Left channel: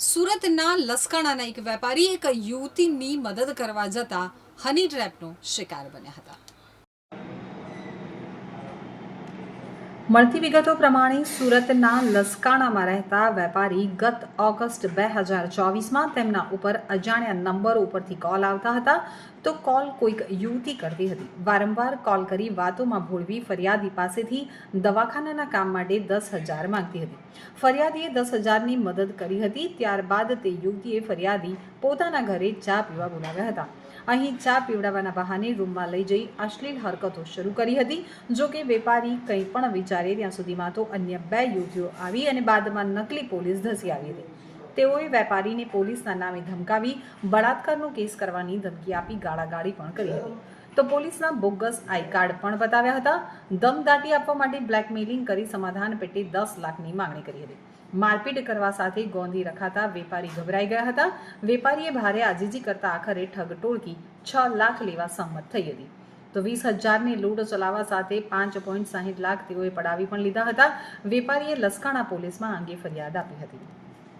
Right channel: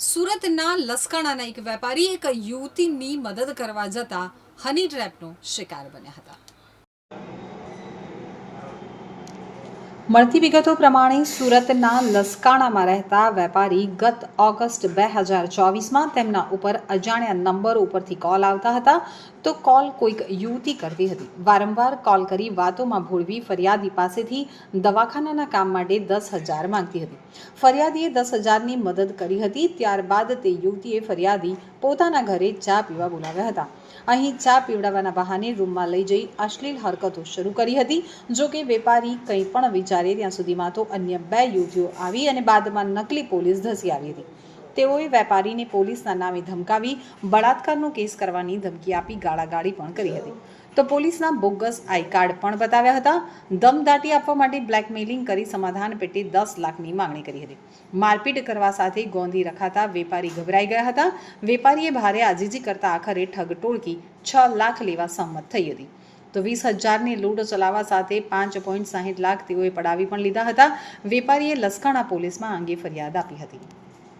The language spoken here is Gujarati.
સુરતના લસકાણાના એક વેપારી એક યુવતીની મદદ કરવા જતા હની ટ્રેપનો શિકાર બન્યા હતા. મળતી વિગતો પ્રમાણે સુરતના લસકાણામાં રહેતા વેપારી ગત ઓગસ્ટ બે હજાર ચોવીસમાં તેમના ઉપર અજાણ્યા નંબરો ઉપરથી કોલ આવતા હતા. તો કોલ કોઈક યુવતી કરતી હતી. વારંવાર કોલ કરી વાતોમાં ભોળવી ફરિયાદી પાસેથી દવાખાનાના કામ માટે દસ હજાર માંગતી હતી. ફરિયાદીએ દસ હજારની મદદ કરી હતી. ત્યારબાદ તે યુવતીએ ફરિયાદી પોતાના ઘરે ચા પીવા બોલાવ્યા હતા. અહીં ચા પીવડાવવાના બહાને રૂમમાં લઈ જઈ અશ્લીલ હરકતો શરૂ કરી હતી. જો કે વેપારી કંઈ પણ વિચારે ત્યાં સુધીમાં તો અન્ય બે યુવતીઓ આવી અને બાદમાં નકલી પોલીસ ધસી આવી હતી. તેઓએ વેપારીને પોલીસના નામે ધમકાવી બળાત્કારનો કેસ કરવાની ધમકી આપી ગાળાગાળી પણ કરી હતી. તો પોલીસના બોગસ આઈ કાર્ડ પણ બતાવ્યા હતા. દમદાટી આપવા માટે બ્લેકમેલિંગ કરી સમાધાન પેટે દસ લાખની માંગણી કરી હતી. મારપીટ કરવા સાથે ગોંધી રખાતા વેપારી ગભરાઈ ગયા હતા. વેપારીએ ભારે આજીજી કરતા આખરે ઠગ ટોળકી છ લાખ લેવા સંમત થઈ હતી. તો વીસ હજારની લૂંટ ચલાવવા સાથે પાંચ પોઈન્ટ સાહીઠ લાખ તેઓએ પડાવી પણ લીધા હતા. વેપારીએ લસકાણા પોલીસમાં અંગે ફરિયાદ આપી હતી.